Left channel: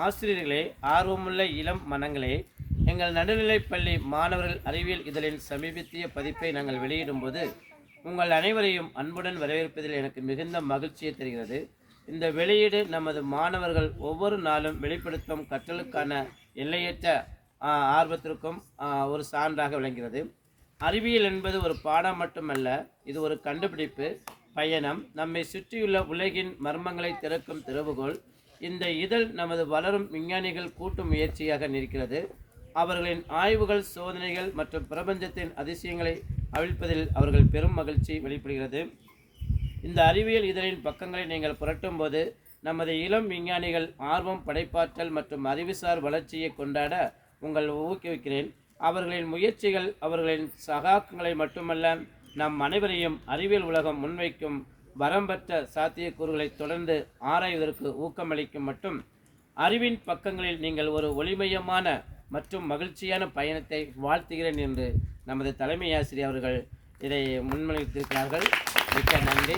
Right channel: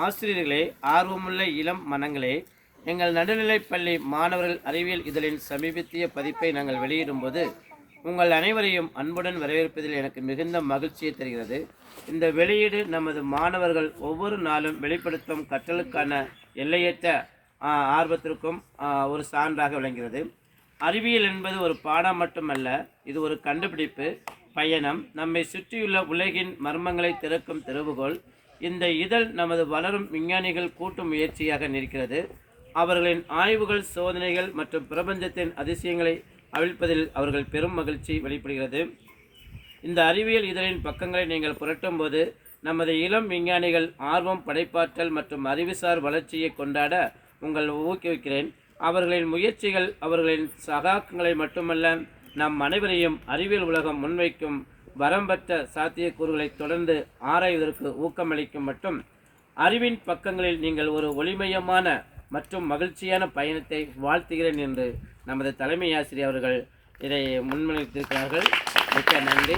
ஆசிரியர்களே ஆர்வமுள்ள இளம் மனங்களே எங்கள் நடுநிலைப்பள்ளி மாணவர்கள் அறிவியல் இதழின் சமீபத்திய பதிப்பை நாங்கள் வெளியிடும்போது உங்கள் அனைவரையும் அன்புடன் வரவேற்பதில் எனக்கு மிகுந்த மகிழ்ச்சியை தருகிறது. இந்த வெளியீடு நமது மாணவர்கள் ஒவ்வொரு நாளும் வெளிப்படுத்தும் கற்றலுக்கான எல்லையற்ற ஆர்வத்திற்கும் ஒரு சான்றாக விளங்குகிறது. அறிவியல் என்பது ஒரு பாடம் மட்டுமல்ல இது ஒரு கண்டுபிடிப்பு பயணம். நம்மை சுற்றியுள்ள உலகின் மர்மங்களை திறக்கும் திறவுகோல் இந்த இதழ் நமது வளரும் விஞ்ஞானிகள் கூட்டு முயற்சியாக நிற்கிறது. அவர்களின் ஆய்வுகள் சோதனைகள் மற்றும் பிரபஞ்சத்தின் அதிசயங்களை அவிழ்ப்பதில் அவர்கள் பெரும் மகிழ்ச்சி வெளிப்படுகிறது. இந்த அறிவியல் இதழின் பக்கங்களை நீங்கள் புரட்டும்போது நமது இளம் விஞ்ஞானிகள் ஆர்வம் படைப்பாற்றல் மற்றும் அறிவுசார் வளர்ச்சியை கொண்டாட உங்கள் ஊக்குவிக்கிறேன். அவர்களின் முயற்சிகள் அவர்களின் சகாக்களை மட்டுமல்ல நம் அனைவரையும் அறிவியல் உலகம் முன்வைக்கும் வரம்பற்ற சாத்தியக்கூறுகளை தொடர்ந்து ஆராய்வதற்கு ஊக்கமளிக்கும் மற்றும் அறிவின் பக்கங்களில் நீங்கள் ஒரு ஒளிமயமான மற்றும் மகிழ்ச்சியான பயணத்தை வாழ்த்துகிறேன் என்று நமது தலைமை ஆசிரியர் அவர்கள் இதை முன்மொழித்திருக்கிறார்கள். மிக்க நன்றி.